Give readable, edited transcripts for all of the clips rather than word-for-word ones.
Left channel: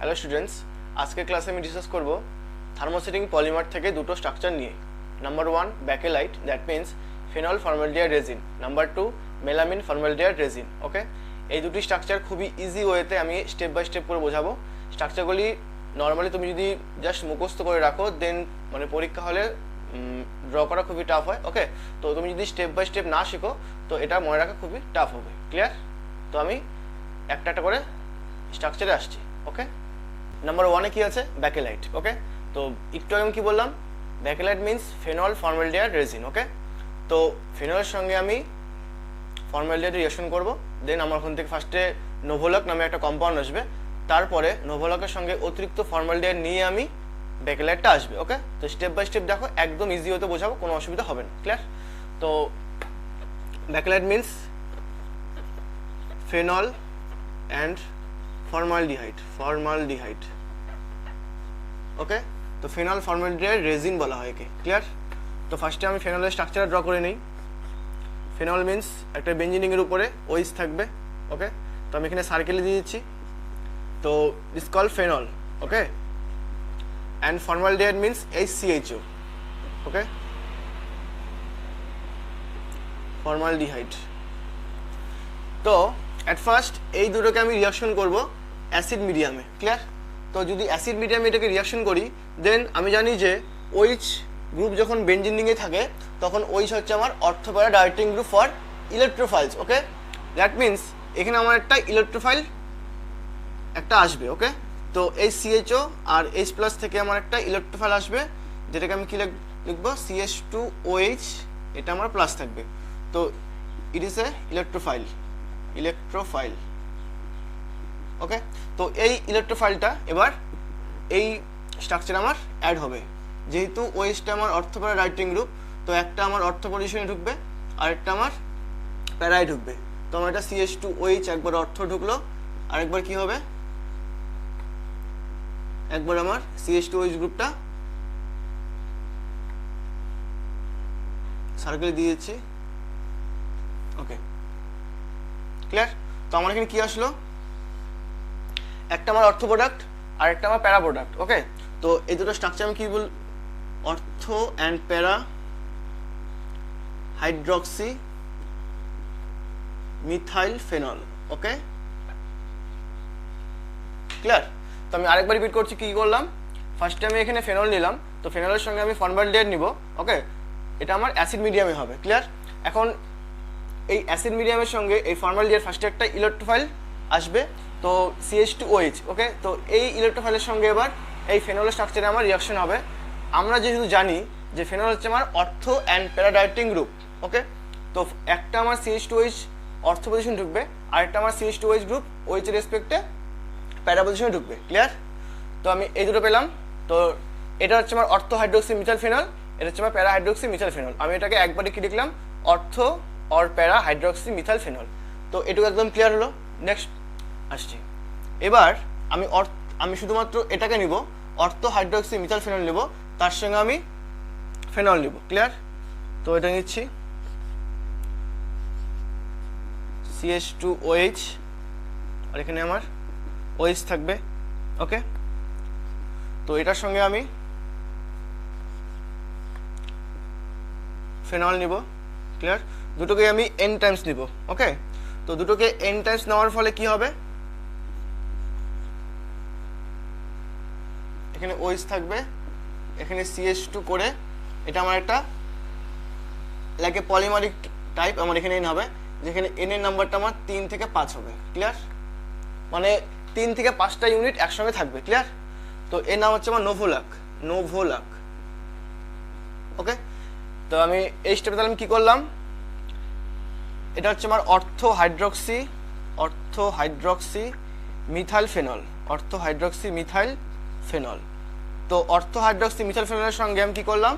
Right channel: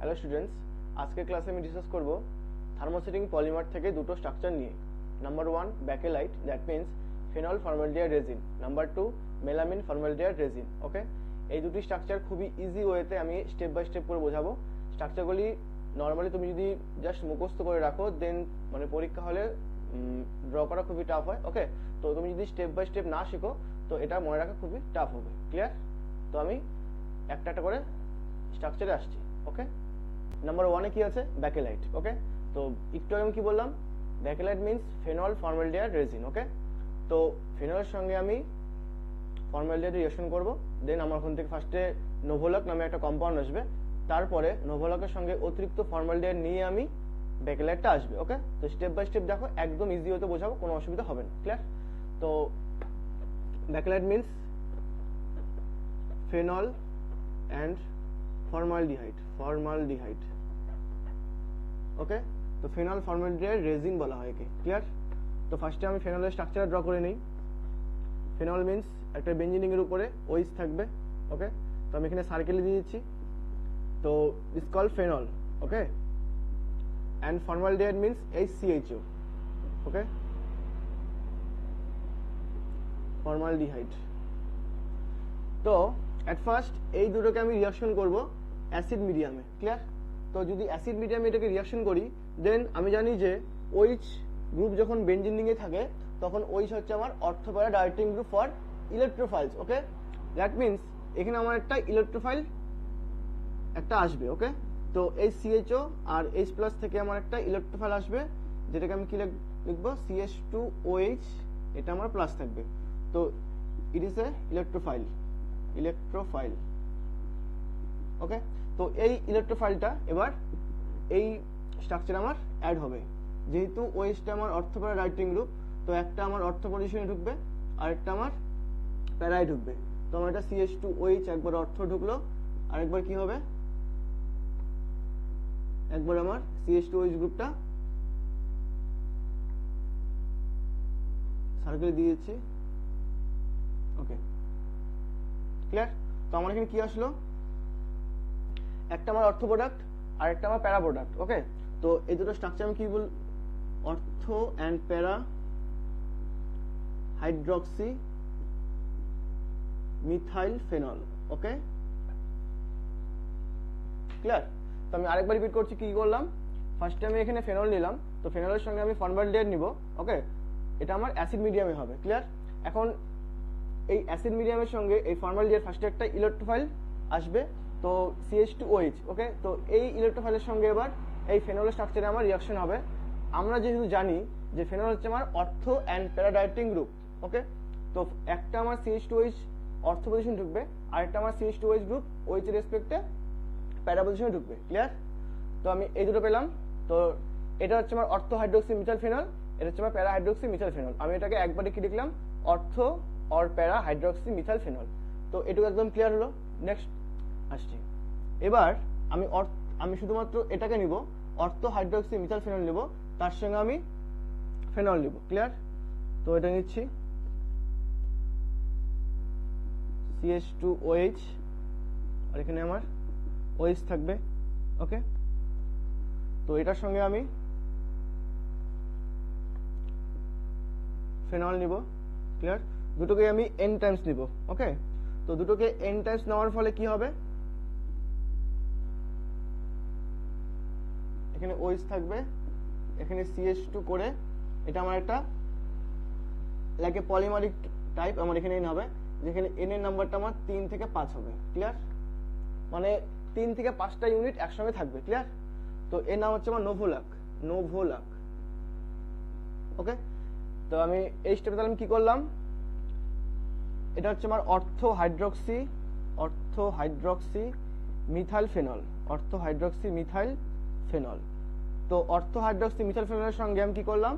Hello students, আজকের ক্লাসে আমি ডিসকাস করব থার্মোসেটিং পলিমার থেকে দুটো স্ট্রাকচার নিয়ে। Number 1 bakelite, that means phenol formaldehyde resin. Number 2 melamine formaldehyde resin. Okay, এই দুটি স্ট্রাকচার খুবই ইজি ওয়েতে আমি স্টেপ বাই স্টেপ করে বোঝাবো। স্ট্রাকচারগুলি নর্মালি তুমি যদি জাস্ট মুখস্থ করে রাখো দেন মানে পরীক্ষা হলে ড্র করা খুবই টাফ হয়। ওকে, তো তুমি যদি স্টেপ বাই স্টেপ না শেখো তো এটা মনে রাখা খুবই টাফ হবে। ক্লিয়ার? তো আমি একটা একটা করে স্ট্রাকচারে আসছি। ওকে, নাম্বার 1-এ কি আছে? ব্যাকেলাইট। ওকে, তো একটু আগে আমি কি বললাম? Bakelite means phenol formaldehyde resin. Okay, তো ফেনলের সঙ্গে আমি ফর্মালডিহাইড রিঅ্যাকশন করব, দেন আমার ওখান থেকে ফার্স্টে নোভোলক নামে একটা কম্পাউন্ড আসবে, তারপরে নোভোলকের সঙ্গে অতিরিক্ত ফর্মালডিহাইড নিয়ে আমি ব্যাকেলাইটটা আসবে। ওকে, তো স্টেপ বাই স্টেপ দেখো, একদম ইজি হতে বোঝাবো, কোনো অসুবিধা হবে না। ক্লিয়ার? তো bakelite means phenol and formaldehyde. Okay, তো ফেনল ফর্মালডিহাইড রেজিন বলা হয় একে। ক্লিয়ার? তো ফার্স্টে আমি ফেনলের স্ট্রাকচার ড্র করে নিই। ফেনল মিন্স একটা বেঞ্জিনিংয়ের উপরে ওইস থাকবে। ওকে, তো আমি এখানে সার্কেলে দিয়ে দিচ্ছি। তো it's call phenol. Okay, and formaldehyde means HCHO। Okay, formaldehyde. তো অ্যাট ফার্স্ট এই দুটোকে আমি রিঅ্যাকশন করব অ্যাসিড মিডিয়ামে। ক্লিয়ার? তো যদি অ্যাসিড মিডিয়ামে এটাকে রিঅ্যাকশন করি দেন আমি জানি যে OH গ্রুপ যখন বেঞ্জিনিংয়ে থাকে তখন OH হচ্ছে আমার ortho para directing group for electrophiles. Okay, that means এখানে আমার একটা ইলেকট্রোফাইল একটা আসবে। ওকে, তো এই CHO আর H+ থেকে আমার একটা ইলেকট্রোফাইল আসবে, যেটাকে আমি কি লিখবো? CH2OH, এটা আমার প্লাস থাকবে। তো ইট ইজ এ ইলেকট্রোফাইল। ওকে, তো এই ইলেকট্রোফাইলটা এবার এই স্ট্রাকচারে আমার অ্যাড হবে। যেহেতু ওএইচটা আমার অর্থোপ্যারা রাইটিং গ্রুপ, তো একটা আমার অর্থ পজিশনে ঢুকবে আর একটা আমার প্যারায় ঢুকবে। তো আমার এটা CH2OH একবার অর্থ ঢুকলো, আরেকবার কি হবে? একবার আমার CH2OH গ্রুপটা সার্কেলে দিয়ে দিচ্ছি। ওকে, ক্লিয়ার? তো আমার এখানে কি আসলো? একটা আমার অর্থ প্রোডাক্ট আর একটা আমার প্যারা প্রোডাক্ট। ওকে, তো এই দুটো স্ট্রাকচার আমি কি বল? অর্থ অ্যান্ড প্যারা হাইড্রক্সি মিথাইল ফেনল। ওকে, ক্লিয়ার? তো আমি আরেকবার রিপিট করছি কি করলাম। ফার্স্টে আমি এখানে ফেনল নিলাম, তো ফেনলের সঙ্গে আমি ফর্মালডিহাইড নিব। ওকে, এটা আমার অ্যাসিড মিডিয়ামে হবে। ক্লিয়ার? এখন এই অ্যাসিড মিডিয়ামের সঙ্গে এই ফর্মালডিহাইড ফার্স্টে একটা ইলেকট্রোফাইল আসবে, তো CH2OH। ওকে, তো এই ইলেকট্রোফাইলের সঙ্গে এবার এই ফেনলের স্ট্রাকচারে আমার রিঅ্যাকশন হবে। আমরা যেহেতু জানি যে ফেনল হচ্ছে আমার অর্থ অ্যান্ড প্যারা ডাইরেক্টিং গ্রুপ। ওকে, তো একটা আমার CH2OH অর্থ পজিশন ঢুকবে আর একটা আমার CH2OH গ্রুপ OH এর রেসপেক্টে প্যারা পজিশনে ঢুকবে। ক্লিয়ার? তো আমি এই দুটো পেলাম। তো এটা হচ্ছে আমার অর্থ হাইড্রোক্সি মিথাইল ফেনল, এটা হচ্ছে আমার প্যারা হাইড্রোক্সি মিথাইল ফেনল। আমি এটাকে একবারে কি লিখলাম? অর্থ অর প্যারা হাইড্রোক্সি মিথাইল ফেনল। তো এটুকু একদম ক্লিয়ার হলো। নেক্সট আসছি। এবার আমি শুধুমাত্র এটাকে নিব, অর্থ হাইড্রোক্সি মিথাইল ফেনল নেব, তার সঙ্গে আমি ফেনল নিব। ক্লিয়ার? তো এটা নিচ্ছি CH2OH আর এখানে আমার OH থাকবে। ওকে, তো এটার সঙ্গে আমি ফেনল নিব। ক্লিয়ার? দুটোকে আমি n টাইমস নিব। ওকে, তো দুটোকে n টাইমস নেওয়ার ফলে কি হবে? এখানে OH থাকবে, এখানে CH2 করে এটা আমার একটা লাইক এ পলিমারিক টাইপ আমার এখানে n হবে, যেখানে n এর নাম্বারটা আমার 3 থেকে 5 হবে। ক্লিয়ার? মানে 3 থেকে 5টা ইউনিট একসঙ্গে থাকবে। ক্লিয়ার? তো এর নাম হচ্ছে আমার নোভোলাক। ওকে, তো আমি এই স্টেপে তাহলে আমি কি করলাম? এটা হচ্ছে আমার অর্থ হাইড্রক্সি মিথাইল ফেনল। তো অর্থ হাইড্রক্সি মিথাইল ফেনলের সঙ্গে আমি কি করলাম?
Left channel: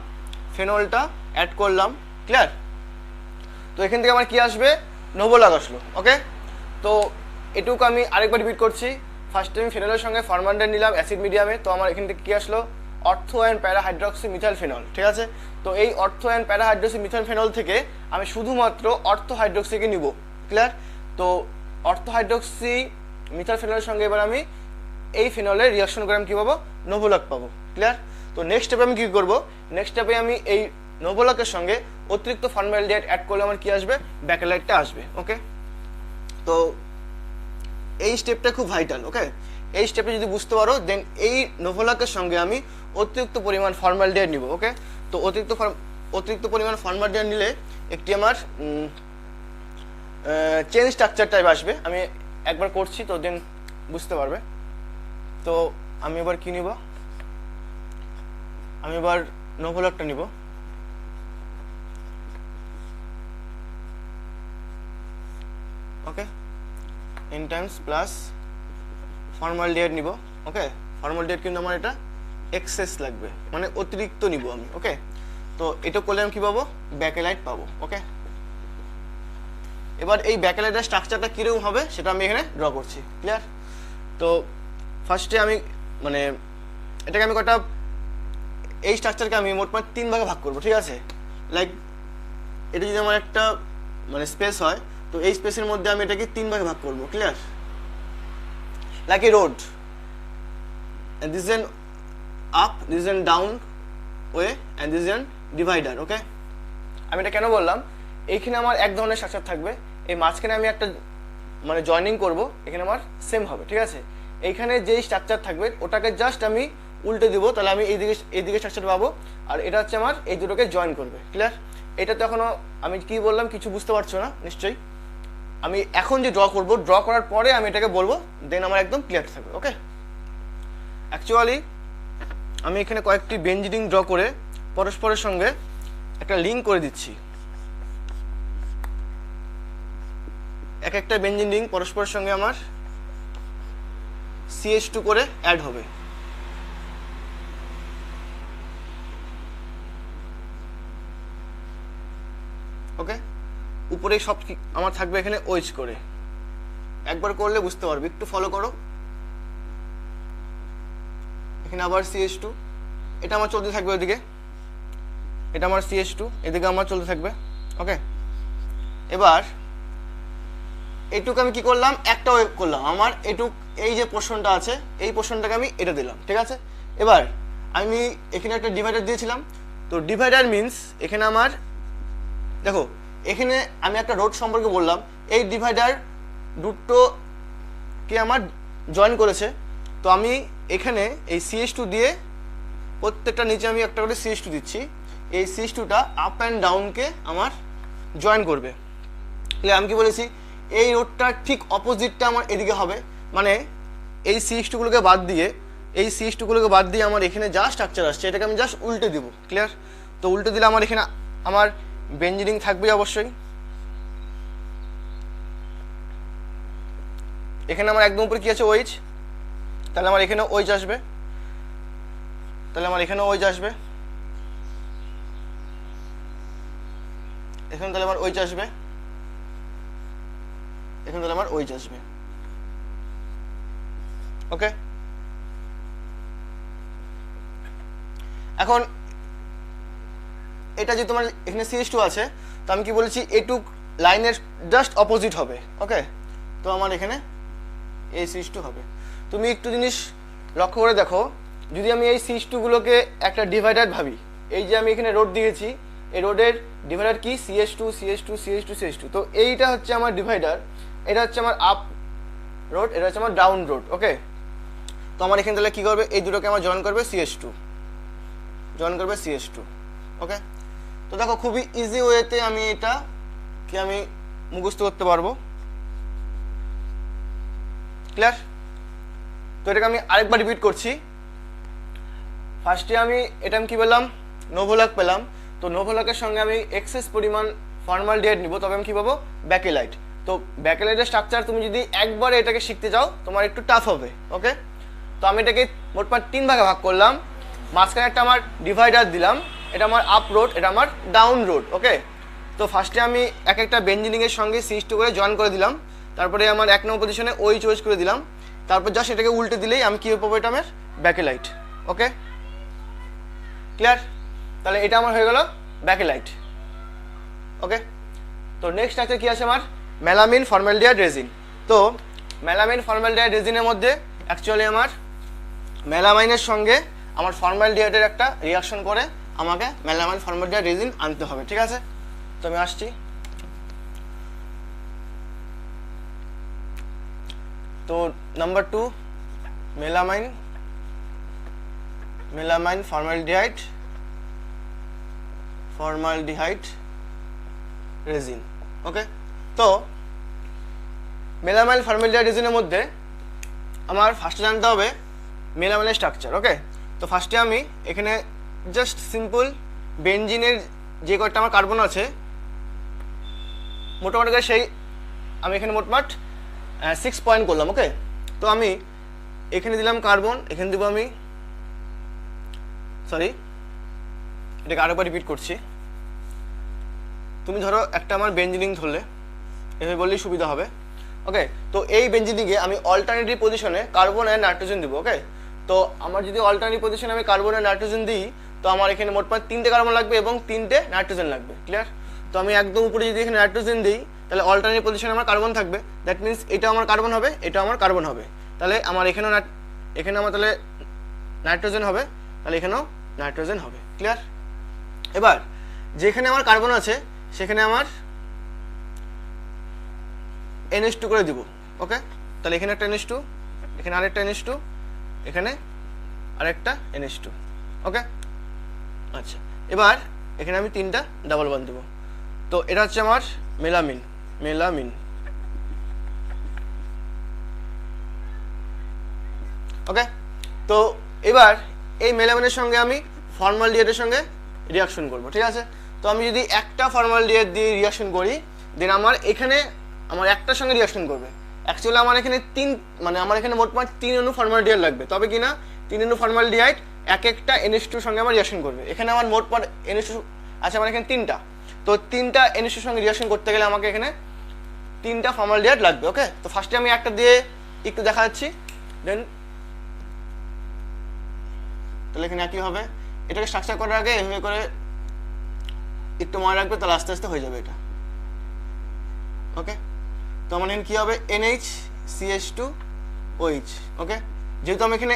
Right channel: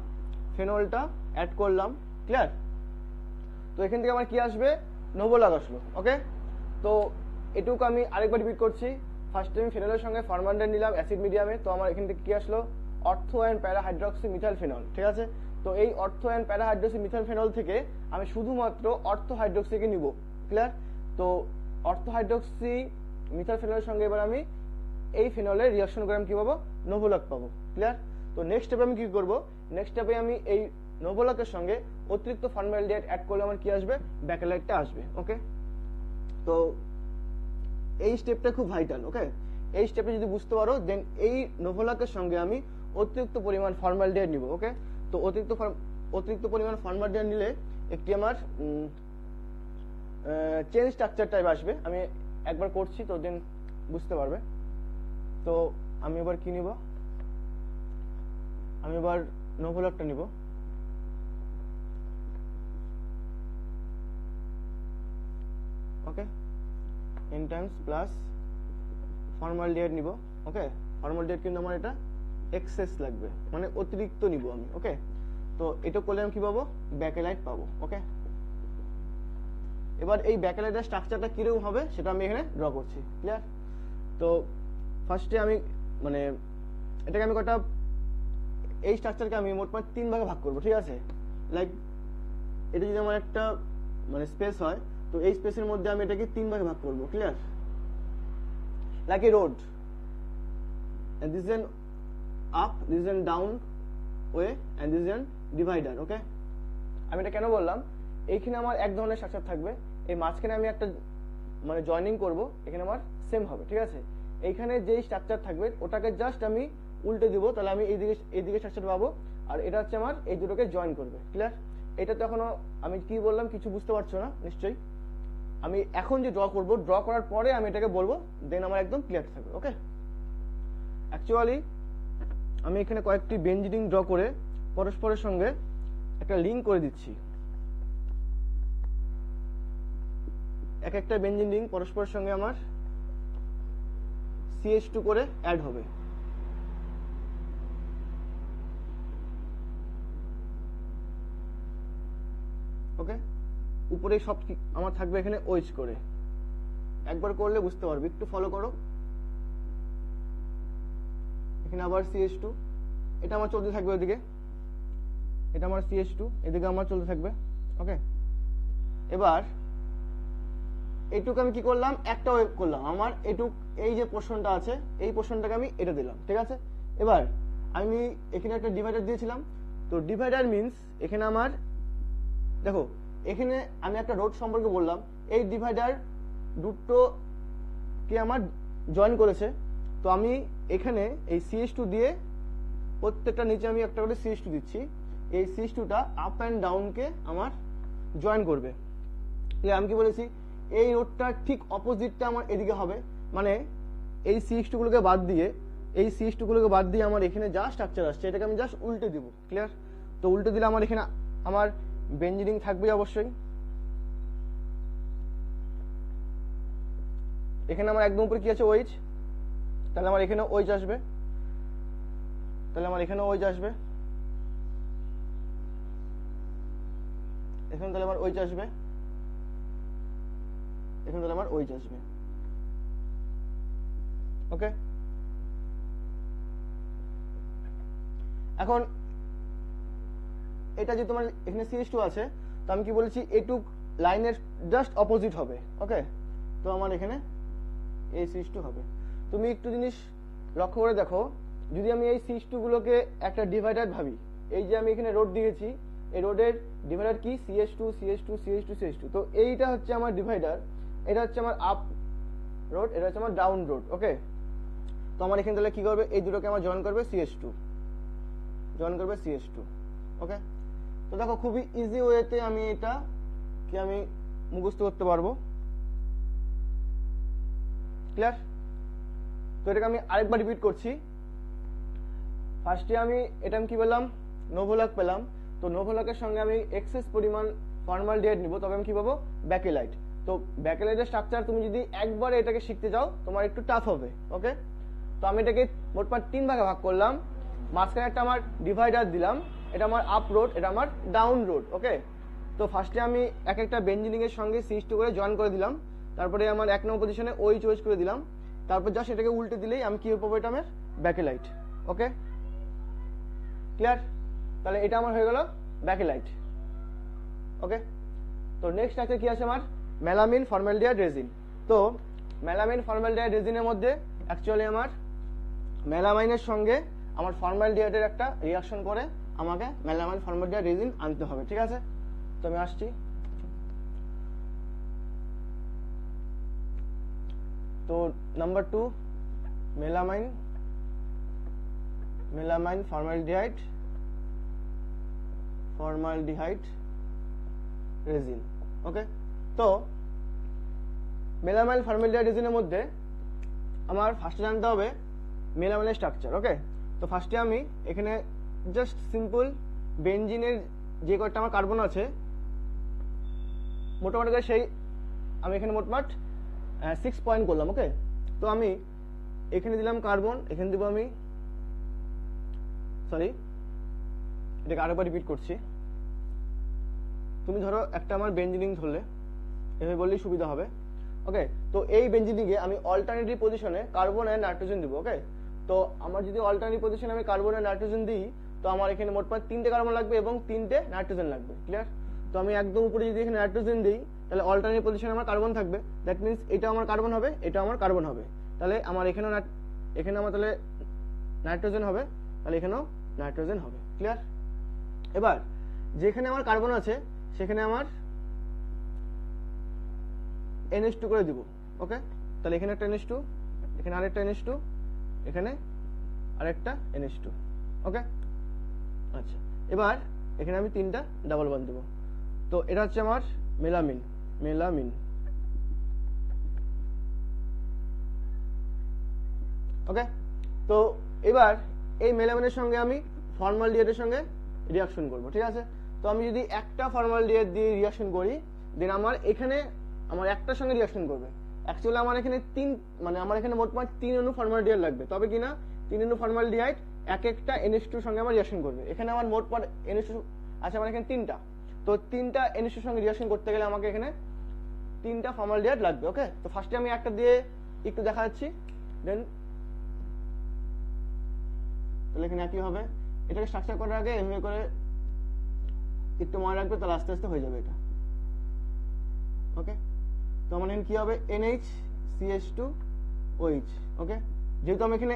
ফেনলটা অ্যাড করলাম। ক্লিয়ার? তো এখান থেকে আমার কি আসবে? নোভোলাক আসলো। ওকে, তো এটুকু আমি আরেকবার রিপিট করছি। ফার্স্টে আমি ফেনলের সঙ্গে ফর্মালডিহাইড নিলাম অ্যাসিড মিডিয়ামে, তো আমার এখান থেকে কি আসলো? অর্থ অ্যান্ড প্যারা হাইড্রক্সি মিথাইল ফেনল। ঠিক আছে? তো এই অর্থ অ্যান্ড প্যারা হাইড্রক্সি মিথাইল ফেনল থেকে আমি শুধুমাত্র অর্থ হাইড্রক্সিকে নিব। ক্লিয়ার? তো অর্থ হাইড্রক্সি মিথাইল ফেনলের সঙ্গে এবার আমি এই ফিনলের রিয়াকশন করে আমি কী পাবো, নোভোলাক পাবো। ক্লিয়ার? তো নেক্সট স্টেপে আমি কী করবো, নেক্সট স্টেপে আমি এই নোভোলাকের সঙ্গে অতিরিক্ত ফর্মালডিহাইড অ্যাড করলে আমার কী আসবে, ব্যাকেলাইটটা আসবে। ওকে, তো এই স্টেপটা খুব ভাইটাল। ওকে, এই স্টেপে যদি বুঝতে পারো দেন এই নোভোলাকের সঙ্গে আমি অতিরিক্ত পরিমাণ ফর্মালডিহাইড নিব। ওকে, তো অতিরিক্ত পরিমাণ ফর্মালডিহাইড নিলে একটি আমার চেন স্ট্রাকচার টাইপ আসবে। আমি একবার করছি তো দেন বুঝতে পারবে। তো আমি এবার কি নিব, আমি এবার নোভোলাকটা নিব। ওকে, n টাইমস প্লাস ফর্মালডিহাইড নিব। ওকে, ফর্মালডিহাইড কিন্তু আমার এটা এক্সেস লাগবে, মানে অতিরিক্ত নিব আমি। ওকে, তো এটা করলে আমি কী পাবো, ব্যাকেলাইট পাবো। ওকে, এবার এই ব্যাকেলাইটের স্ট্রাকচারটা কীরকম হবে সেটা আমি এখানে ড্র করছি। ক্লিয়ার? তো ফার্স্টে আমি মানে এটাকে আমি কটা, এই স্ট্রাকচারকে আমি মোট 3 ভাগে ভাগ করবো। ঠিক আছে, লাইক এটা যদি আমার একটা মানে স্পেস হয়, তো এই স্পেসের মধ্যে আমি এটাকে 3 ভাগে ভাগ করবো। Clear? Like a road, this is an up, this is an down way, and this is an divider. Okay, আমি এটা কেন বললাম, এইখানে আমার এক ধরনের স্ট্রাকচার থাকবে, এই মাঝখানে আমি একটা মানে জয়েনিং করব, এখানে আমার সেম হবে। ঠিক আছে, এইখানে যেই স্ট্রাকচার থাকবে ওটাকে জাস্ট আমি উল্টে দিব, তাহলে আমি এইদিকে স্ট্রাকচার পাবো, আর এটা হচ্ছে আমার এই দুটোকে জয়েন করবে। ক্লিয়ার? এটা তো এখনো আমি কি বললাম কিছু বুঝতে পারছো না নিশ্চয়ই। আমি এখন যে ড্র করব, ড্র করার পরে আমি এটাকে বলবো, দেন আমার একদম ক্লিয়ার থাকবে। ওকে, অ্যাকচুয়ালি আমি এখানে কয়েকটি বেঞ্জিনিং ড্র করে পরস্পরের সঙ্গে একটা লিঙ্ক করে দিচ্ছি। এক একটা বেঞ্জিন রিং পরস্পরের সঙ্গে আমার CH2 করে অ্যাড হবে। ওকে, উপরে সব আমার থাকবে এখানে ওইচ করে। একবার করলে বুঝতে পারবে, একটু ফলো করো। এখানে আবার CH2, এটা আমার চলতে থাকবে ওইদিকে, এটা আমার CH2, এদিকে আমার চলতে থাকবে। ওকে, এবার এইটুকু আমি কি করলাম, একটা ওয়েভ করলাম। আমার এইটুক এই যে পোর্শনটা আছে, এই পোর্শনটাকে আমি এটা দিলাম। ঠিক আছে, এবার আমি এখানে একটা ডিভাইডার দিয়েছিলাম। তো ডিভাইডার মিনস এখানে আমার দেখো, এখানে আমি একটা রোড সম্পর্কে বললাম, এই ডিভাইডার দুটোকে আমার জয়েন করেছে। তো আমি এখানে এই CH2 দিয়ে প্রত্যেকটা নিচে আমি একটা করে CH2 দিচ্ছি। এই CH2টা আপ অ্যান্ড ডাউনকে আমার জয়েন করবে। আমি কি বলেছি, এই রোডটার ঠিক অপোজিটটা আমার এদিকে হবে, মানে এই CH2গুলোকে বাদ দিয়ে, এই CH2গুলোকে বাদ দিয়ে আমার এখানে যা স্ট্রাকচার আসছে এটাকে আমি জাস্ট উল্টে দিব। ক্লিয়ার? তো উল্টে দিলে আমার এখানে আমার বেঞ্জিনিং থাকবে অবশ্যই। এখানে আমার একদম উপরে কি আছে, ওইচ, তাহলে আমার এখানে ওইচ আসবে, তাহলে আমার এখানে ওইচ আসবে, এখানে তাহলে আমার ওইচ আসবে, এখানে তাহলে আমার ওইচ আসবে। ওকে, এখন এটা যে তোমার এখানে CH2 আছে, তো আমি কি বলেছি, এইটুক লাইনের জাস্ট অপোজিট হবে। ওকে, তো আমার এখানে এই CH2 হবে। তুমি একটু জিনিস লক্ষ্য করে দেখো, যদি আমি এই CH2 গুলোকে একটা ডিভাইডার ভাবি, এই যে আমি এখানে রোড দিয়েছি, এই রোডের ডিভাইডার কি, CH2 CH2 CH2 CH2। তো এইটা হচ্ছে আমার ডিভাইডার, এটা হচ্ছে আমার আপ রোড, এটা হচ্ছে আমার ডাউন রোড। ওকে, তো আমার এখানে তাহলে কী করবে, এই দুটোকে আমার জয়েন করবে CH2, জয়েন করবে CH2। ওকে, তো দেখো খুবই ইজি ওয়েতে আমি এটা কি আমি মুখস্থ করতে পারবো। ক্লিয়ার? তো এটাকে আমি আরেকবার রিপিট করছি। ফার্স্টে আমি এটা আমি কি বললাম, নোভোলাক পেলাম। তো নোভোলাকের সঙ্গে আমি এক্সেস পরিমাণ ফর্মালডিহাইড নিব, তবে আমি কি পাবো, ব্যাকেলাইট। তো ব্যাকেলাইটের স্ট্রাকচার তুমি যদি একবার এটাকে শিখতে যাও তোমার একটু টাফ হবে। ওকে, তো আমি এটাকে মোটমাট 3 ভাগে ভাগ করলাম। মাঝখানে একটা আমার ডিভাইডার দিলাম, এটা আমার আপ রোড, এটা আমার ডাউন রোড। ওকে, তো ফার্স্টে আমি এক একটা বেঞ্জিনিংয়ের সঙ্গে CH2 করে জয়েন করে দিলাম, তারপরে আমার 1 নম্বর পজিশনে ওইচ ওইচ করে দিলাম, তারপর জাস্ট এটাকে উল্টে দিলেই আমি কী পাবো, এটা আমার ব্যাকেলাইট। ওকে, ক্লিয়ার? তাহলে এটা আমার হয়ে গেল ব্যাকেলাইট। ওকে, তো নেক্সট স্ট্রাকচার কী আছে আমার, মেলামিন ফর্মালডিহাইড রেজিন। তো মেলামিন ফর্মালডিহাইড রেজিনের মধ্যে অ্যাকচুয়ালি আমার মেলামাইনের সঙ্গে আমার ফর্মালডিহাইডের একটা রিয়াকশন করে আমাকে মেলামাইন ফর্মালডিহাইড রেজিন আনতে হবে, ঠিক আছে? তো আমি আসছি। তো number 2 melamine formaldehyde resin. Okay, তো মেলামাইন ফর্মালডিহাইড রেজিনের মধ্যে আমার ফার্স্টে জানতে হবে মেলামাইনের স্ট্রাকচার। ওকে, তো ফার্স্টে আমি এখানে জাস্ট সিম্পল বেনজিনের যে কয়েকটা আমার কার্বন আছে মোটামুটি করে সেই আমি এখানে মোটমাট 6 পয়েন্ট করলাম। ওকে, তো আমি এখানে দিলাম কার্বন, এখানে দিব আমি এটাকে আরেকবার রিপিট করছি। তুমি ধরো একটা আমার বেঞ্জিনিং ধরলে, এভাবে বললেই সুবিধা হবে। ওকে, তো এই বেঞ্জিনিংয়ে আমি অল্টারনেটিভ পজিশনে কার্বন আর নাইট্রোজেন দিব। ওকে, তো আমার যদি অল্টারনেটিভ পজিশনে আমি কার্বন আর নাইট্রোজেন দিই তো আমার এখানে মোটমাট 3টে কার্বন লাগবে এবং 3টে নাইট্রোজেন লাগবে। ক্লিয়ার? তো আমি একদম উপরে যদি এখানে নাইট্রোজেন দিই তাহলে অল্টারনেটিভ পজিশনে আমার কার্বন থাকবে, দ্যাট মিনস এটা আমার কার্বন হবে, এটা আমার কার্বন হবে, তাহলে আমার এখানে আমার তাহলে নাইট্রোজেন হবে, তাহলে এখানেও নাইট্রোজেন হবে। ক্লিয়ার? এবার যেখানে আমার কার্বন আছে সেখানে আমার NH2 করে দিব। ওকে, তাহলে এখানে একটা NH2, এখানে আরেকটা NH2, এখানে আরেকটা NH2। ওকে, আচ্ছা, এবার এখানে আমি 3টা ডাবল বন্ড দেব। তো এটা হচ্ছে আমার মেলামিন। ওকে, তো এবার এই মেলামিনের সঙ্গে আমি ফর্মালডিহাইডের সঙ্গে রিয়াকশন করব, ঠিক আছে? তো আমি যদি একটা ফর্মালডিহাইড দিয়ে রিয়াকশন করি দেন আমার এখানে আমার একটার সঙ্গে রিয়াকশন করবে। অ্যাকচুয়ালি আমার এখানে আমার এখানে মোটমাট 3 অণু ফর্মালডিহাইড লাগবে, তবে কি না 3 অণু ফর্মালডিহাইড একটা NH2 এর সঙ্গে আমার রিয়াকশন করবে। এখানে আমার মোটমাট NH2 আছে আমার এখানে 3টা, তো 3টা NH2 এর সঙ্গে রিয়াকশন করতে গেলে আমাকে এখানে 3টা ফর্মালডিহাইড লাগবে। ওকে, তো ফার্স্টে আমি একটা দিয়ে একটু দেখা যাচ্ছি, দেন তাহলে এখানে একই হবে। এটাকে স্ট্রাকচার করার আগে এভাবে করে একটু মনে রাখবে, তাহলে আস্তে আস্তে হয়ে যাবে এটা। ওকে, তো আমার এখানে কি হবে NaCH2OH। ওকে, যেহেতু আমি এখানে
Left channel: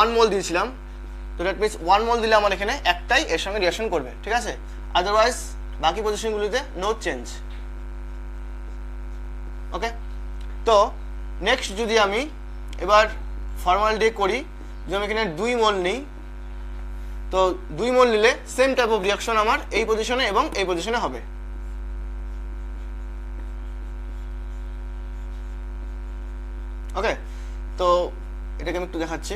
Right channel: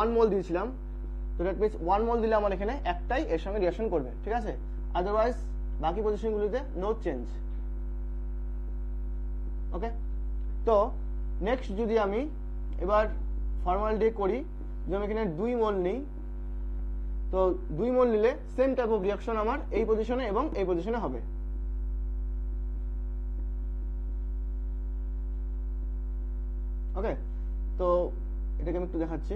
1 মোল দিয়েছিলাম, তো দ্যাট মিনস 1 মোল দিলে আমার এখানে একটাই এর সঙ্গে রিঅ্যাকশন করবে, ঠিক আছে? আদারওয়াইজ বাকি পজিশনগুলিতে নো চেঞ্জ। ওকে, তো নেক্সট যদি আমি এবার ফর্মালডিহাইড করি, যদি আমি এখানে 2 মোল নিই, তো 2 মোল নিলে সেম টাইপ অফ রিঅ্যাকশন আমার এই পজিশনে এবং এই পজিশনে হবে। ওকে, তো এটাকে আমি একটু দেখাচ্ছি।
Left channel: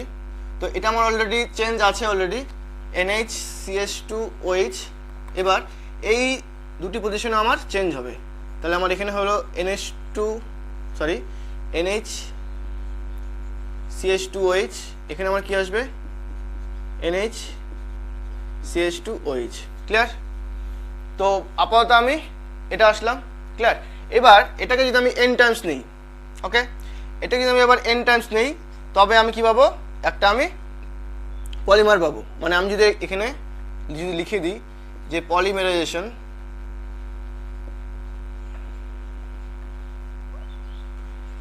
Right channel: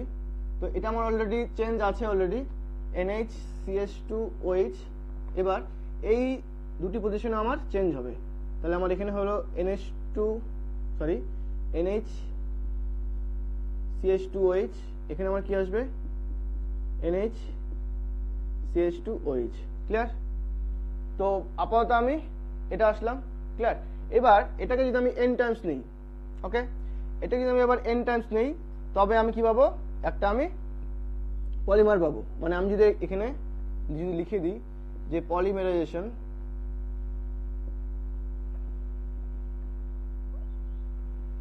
তো এটা আমার অলরেডি চেঞ্জ আছে অলরেডি NaCH2OH। এবার এই দুটি পজিশনে আমার চেঞ্জ হবে, তাহলে আমার এখানে হলো NaCH2OH, এখানে আমার কি আসবে NaCH2OH। ক্লিয়ার? তো আপাতত আমি এটা আসলাম। ক্লিয়ার? এবার এটাকে যদি আমি n টাইমস নিই, ওকে, এটাকে যদি আমি আবার n টাইমস নেই তবে আমি কি পাবো, একটা আমি পলিমার পাবো। মানে আমি যদি এখানে লিখে দিই যে পলিমারাইজেশন,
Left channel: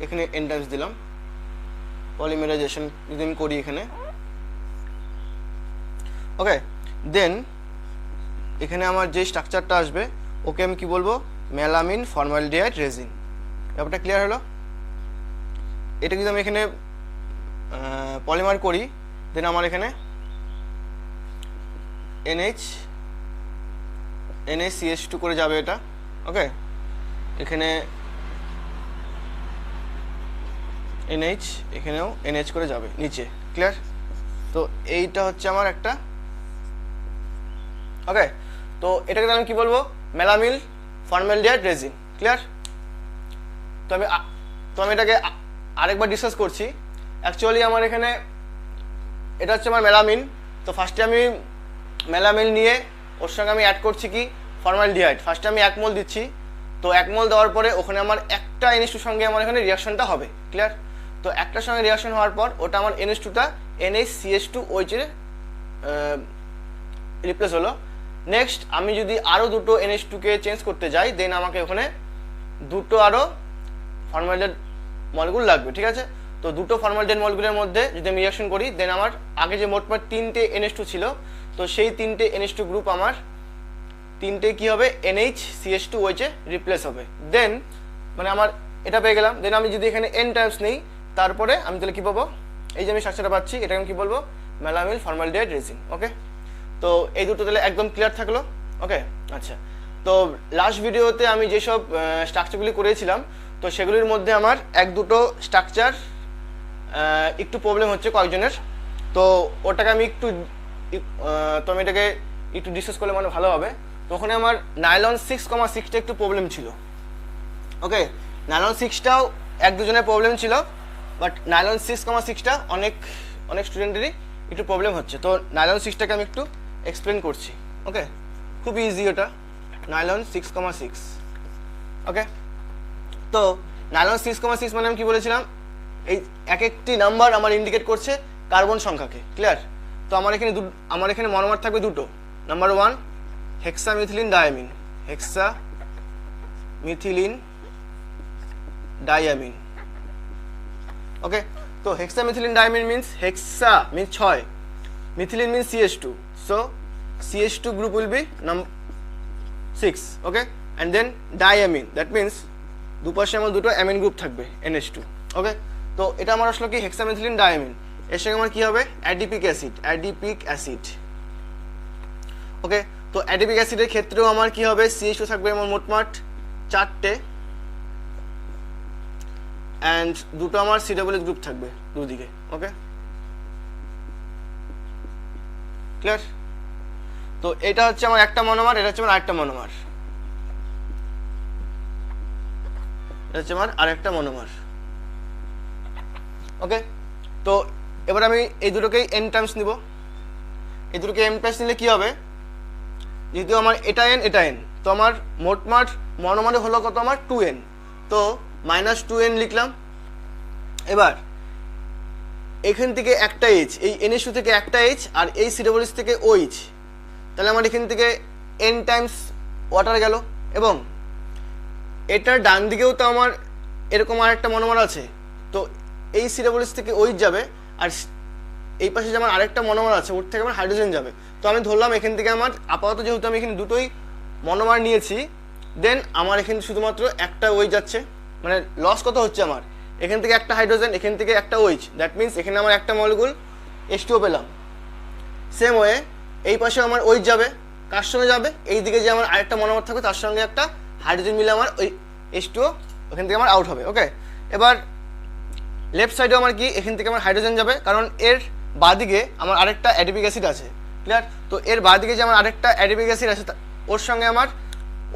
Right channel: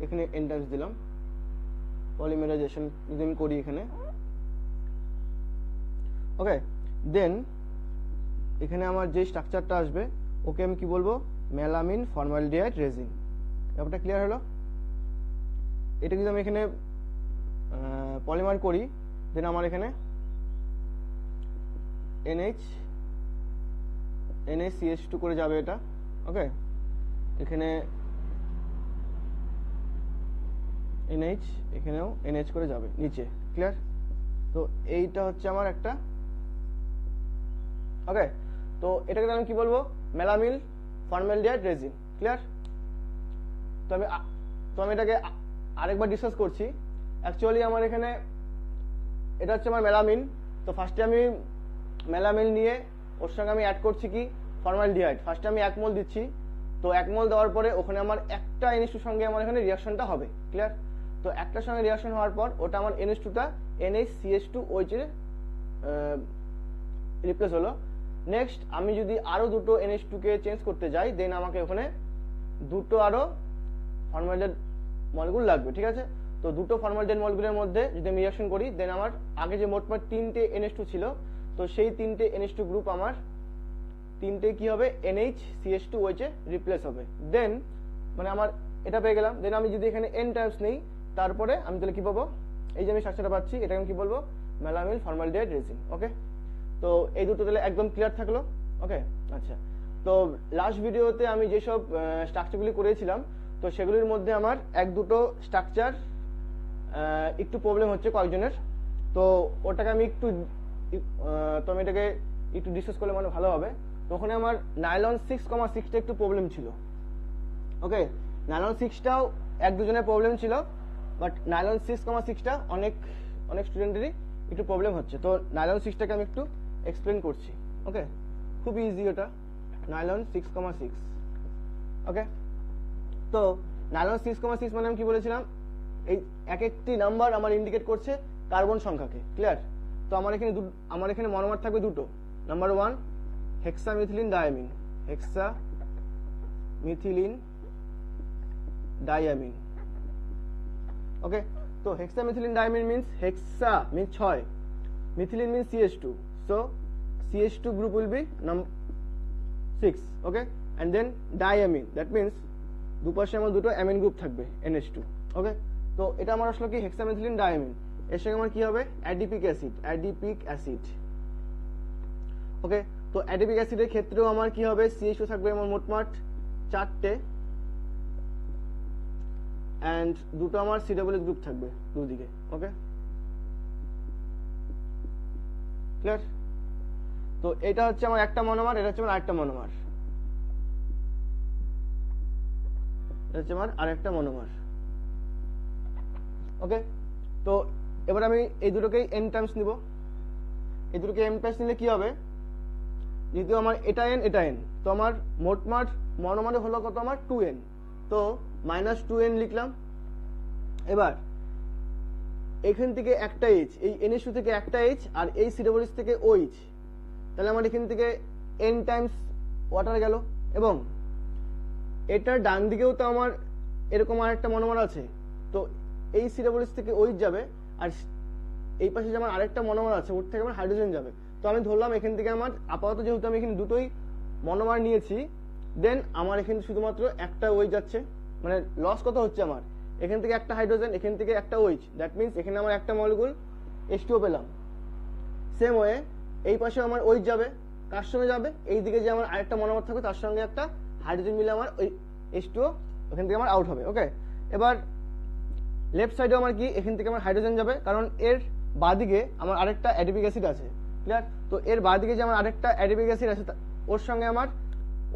এখানে n টাইমস দিলাম, পলিমারাইজেশন যদি আমি করি এখানে, ওকে, দেন এখানে আমার যে স্ট্রাকচারটা আসবে ওকে আমি কি বলবো, মেলামিন ফর্মালডিহাইড রেজিন। ব্যাপারটা ক্লিয়ার হলো? এটা যদি আমি এখানে পলিমার করি দেন আমার এখানে NaCH2 করে যাবে এটা। ওকে, এখানে NH, এখানেও NH করে যাবে নিচে। ক্লিয়ার? তো এইটা হচ্ছে আমার একটা। ওকে, তো এটাকে আমি কি বলবো, মেলামিন ফর্মালডিহাইড রেজিন। ক্লিয়ার? তো আমি এটাকে আরেকবার ডিসকাস করছি। অ্যাকচুয়ালি আমার এখানে এটা হচ্ছে আমার মেলামিন। তো ফার্স্টে আমি মেলামিন নিয়ে ওর সঙ্গে আমি অ্যাড করছি কি ফর্মালডিহাইড। ফার্স্টে আমি 1 মোল দিচ্ছি, তো 1 মোল দেওয়ার পরে ওখানে আমার একটা NH2 সঙ্গে আমার এখানে রিয়াকশনটা হবে। ক্লিয়ার? তো একটার সঙ্গে রিয়াকশন হওয়ার পর ওটা আমার NH2টা NaCH2OH এর রিপ্লেস হলো। নেক্সট আমি যদি আরও দুটো NH2কে চেঞ্জ করতে যাই দেন আমাকে ওখানে দুটো আরও ফর্মালডিহাইড মলিকুল লাগবে। ঠিক আছে? তো দুটো ফর্মালডিহাইড মলিকুলের মধ্যে যদি আমি রিয়াকশন করি দেন আমার আগে যে মোটমাট 3টে NH2 ছিল তো সেই 3টে NH2 গ্রুপ আমার 3টে কি হবে NHCH2OH এ রিপ্লেস হবে। দেন মানে আমার এটা পেয়ে গেলাম। দেন আমি যদি এখানে n টাইমস নেই তারপরে আমি তাহলে কি পাবো, এই যে আমি স্ট্রাকচারটা পাচ্ছি এটাকে আমি কি বলবো, মেলামিন ফর্মালডিহাইড রেজিন। ওকে, তো এই দুটো তাহলে একদম ক্লিয়ার থাকলো। ওকে, আচ্ছা, তো লাস্ট ভিডিওতে আমি যেসব স্ট্রাকচারগুলি করেছিলাম তো সেগুলির মধ্যে আমার এক দুটো স্ট্রাকচার একটু প্রবলেম হচ্ছে কয়েকজনের, তো ওটাকে আমি তো আমি এটাকে একটু ডিসকাস করলে মানে ভালো হবে। তো ওখানে আমার নাইলন 6,6টা একটু প্রবলেম ছিল। ওকে, নাইলন 6টাও এক দুজনের প্রবলেম ছিল, বাট নাইলন 6,6টা অনেক স্টুডেন্টেরই একটু প্রবলেম হচ্ছে। তো নাইলন 6টাকে আমি একটু এক্সপ্লেন করছি। ওকে, খুব ইজি ওটা, নাইলন 6,6। ওকে, তো নাইলন 6,6 মানে আমি কি বলেছিলাম, এই এক একটি নাম্বার আমার ইন্ডিকেট করছে কার্বন সংখ্যাকে। ক্লিয়ার? তো আমার এখানে মনোমার থাকবে দুটো। Number 1 hexamethylene diamine, hexamethylene diamine. Okay, তো hexamethylene diamine means hexa means 6, methylene means CH2, so CH2 group will be number 6. Okay, and then diamine, that means দুপাশে আমার দুটো অ্যামিন গ্রুপ থাকবে NH2। ওকে, তো এটা আমার আসলে কি হেক্সামিথিলিন ডায়ামিন, এর সঙ্গে আমার কি হবে অ্যাডিপিক অ্যাসিড। ওকে, তো অ্যাডিপিক অ্যাসিডের ক্ষেত্রেও আমার কি হবে CH2 থাকবে আমার মোটমাট 4টে, অ্যান্ড দুটো আমার COOH গ্রুপ থাকবে দুদিকে। ওকে, ক্লিয়ার? তো এটা হচ্ছে আমার একটা মনোমার, এটা হচ্ছে আমার আরেকটা মনোমার, এটা হচ্ছে আমার আরেকটা মনোমার। ওকে, তো এবার আমি এই দুটোকেই n টাইমস নিব। এই দুটোকে n টাইমস নিলে কি হবে, যেহেতু আমার এটা n, তো আমার মোটমাট মনোমারে হলো কত আমার 2n, তো -2n লিখলাম। এবার এখান থেকে একটা H, এই NH2 থেকে একটা H আর এই COOH থেকে OH, তাহলে আমার এখান থেকে n টাইমস ওয়াটার গেল। এবং এটার ডান দিকেও তো আমার এরকম আর একটা মনোমার আছে, তো এই COOH থেকে OH যাবে, আর এই পাশে যে আমার আরেকটা মনোমার আছে ওর থেকে আমার হাইড্রোজেন যাবে। তো আমি ধরলাম এখান থেকে আমার আপাতত যেহেতু আমি এখানে দুটোই মনোমার নিয়েছি, দেন আমার এখানে শুধুমাত্র একটা OH যাচ্ছে, মানে লস কত হচ্ছে আমার, এখান থেকে একটা হাইড্রোজেন, এখান থেকে একটা OH, দ্যাট মিনস এখানে আমার একটা মলিকুল H2O পেলাম। সেম ওয়ে এই পাশে আমার OH যাবে, কার সঙ্গে যাবে, এই দিকে যে আমার আরেকটা মনোমার থাকবে তার সঙ্গে একটা হাইড্রোজেন মিলে আমার ওই H2O ওখান থেকে আমার আউট হবে। ওকে, এবার লেফট সাইডেও আমার কি, এখান থেকে আমার হাইড্রোজেন যাবে, কারণ এর বাঁদিকে আমার আরেকটা অ্যাডিপিক অ্যাসিড আছে। ক্লিয়ার? তো এর বাঁদিকে যে আমার আরেকটা অ্যাডিপিক অ্যাসিড আছে ওর সঙ্গে আমার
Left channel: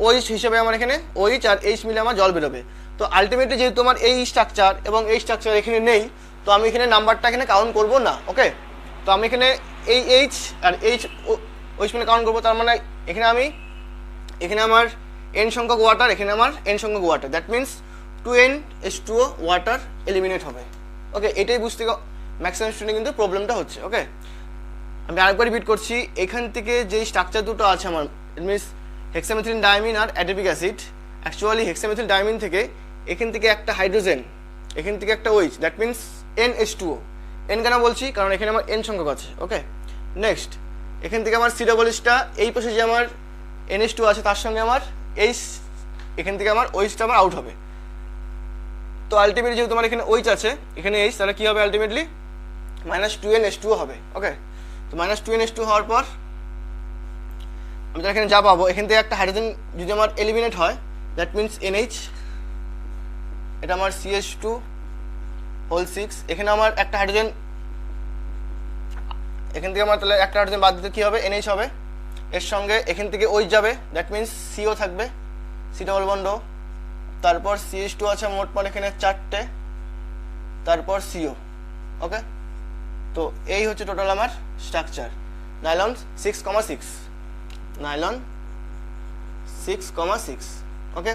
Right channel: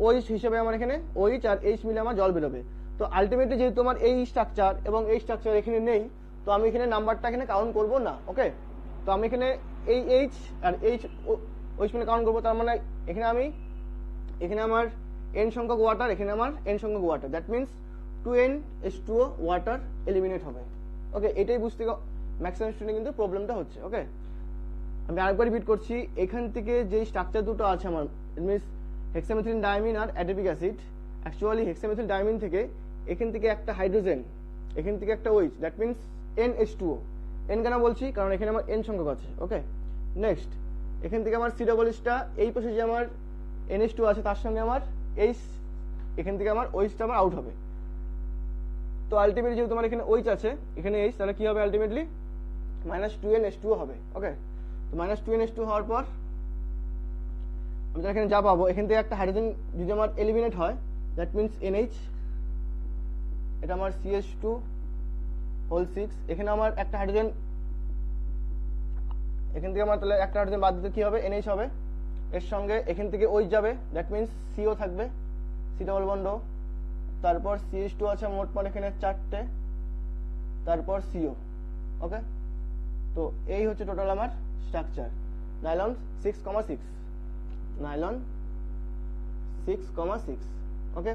OH হিসেবে আমার এখানে OH আর H মিলে আমার জল বেরোবে। তো আলটিমেটলি যেহেতু আমার এই স্ট্রাকচার এবং এই স্ট্রাকচার এখানে নেই, তো আমি এখানে নাম্বারটা এখানে কাউন্ট করব না। ওকে, তো আমি এখানে এই H আর OH মিলে কাউন্ট করবো, তার মানে এখানে আমার n সংখ্যক ওয়াটার, এখানে আমার n সংখ্যক water, that means 2NH2O water eliminate হবে। ওকে, এটাই বুঝতে ম্যাক্সিমাম স্টুডেন্ট কিন্তু প্রবলেমটা হচ্ছে। ওকে, আমি আরেকবার রিপিট করছি, এখান থেকে যে স্ট্রাকচার দুটো আছে আমার, ইট মিনস হেক্সামিথিলিন ডায়ামিন আর adipic acid, actually hexamethyl diamine থেকে এখান থেকে একটা হাইড্রোজেন, এখান থেকে একটা OH, that means NH2O। n কেন বলছি, কারণ এখানে আমার n সংখ্যক আছে। ওকে, নেক্সট এখান থেকে আমার COOHটা, এই পাশে যে আমার NH2 আছে তার সঙ্গে আমার এখান থেকে আমার OHটা আমার আউট হবে। তো আলটিমেটলি যেহেতু আমার এখানে OH আছে, এখানে H, তাহলে কি হবে আলটিমেটলি -2NH2O হবে। ওকে, তো -2NH2 হওয়ার পর আমি এখানে যা পাবো, এখান থেকে একটা হাইড্রোজেন যদি আমার এলিমিনেট হয়, দ্যাট মিনস NH, এটা আমার CH2 6, এখানে আমার একটা হাইড্রোজেন, এখান থেকে আমার তাহলে একটা হাইড্রোজেন বাদ দিতে কি হবে, NH হবে, এর সঙ্গে এখান থেকে OH যাবে, দ্যাট মিনস CO থাকবে, C ডবল বন্ড O, তারপর CH2 আছে মোটমাট এখানে 4টে, তারপর CO। ওকে, তো এই হচ্ছে টোটাল আমার স্ট্রাকচার নাইলন 6,6, নাইলন 6,6। ওকে।